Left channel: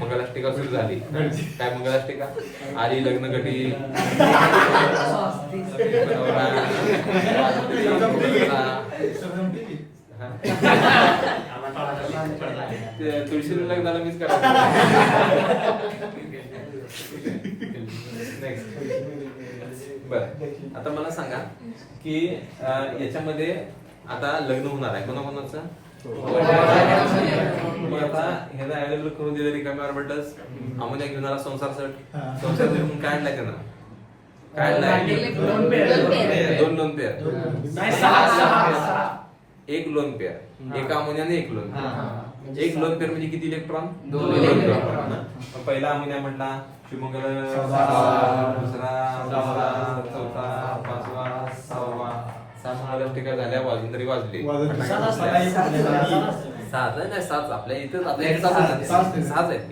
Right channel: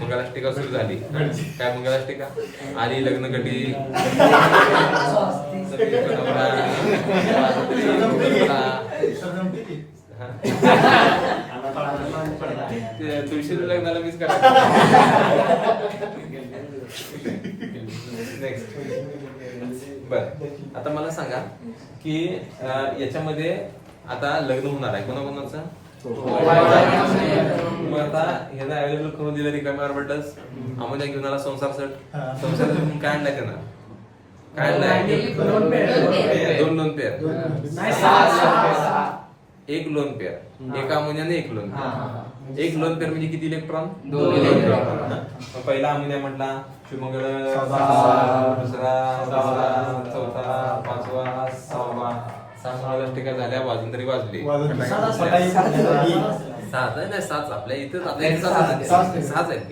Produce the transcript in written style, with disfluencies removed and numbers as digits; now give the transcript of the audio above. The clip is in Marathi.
मंगलाष्टिका सुरू झाली. काय मंगलाष्टिका? आली लग्न कटी तुळशी लग्नाला मीच करायचं. नेक्स्ट. बर, आता मला सांगा की याच्यामध्ये आता लग्न होणार आहे कोणाकोणाचं? मग आता ह्याला अवेलेबल करून दिलं रिकाम्या ऑर्बिटल्स. अमोनिया घेऊन आला संसार सेट. संसार सेट म्हणून काय आणलाय त्यानं? काय आणलाय? दोन लोन पेअर. एक लोन पेअर. एका अमोनियाने एक लोन पेअर. एक लोन पेअर म्हणजे किती इलेक्ट्रॉन? 2 इलेक्ट्रॉन. पहिला अमोनिया म्हटला शुभमंगल, दुसरा, तिसरा, चौथा, पाचवा, सहावा. 7 मंगलाष्टिका झाल्या. वाजून तरी वाजले 7 नाही 7 आपल्या इथं 6च आहेत.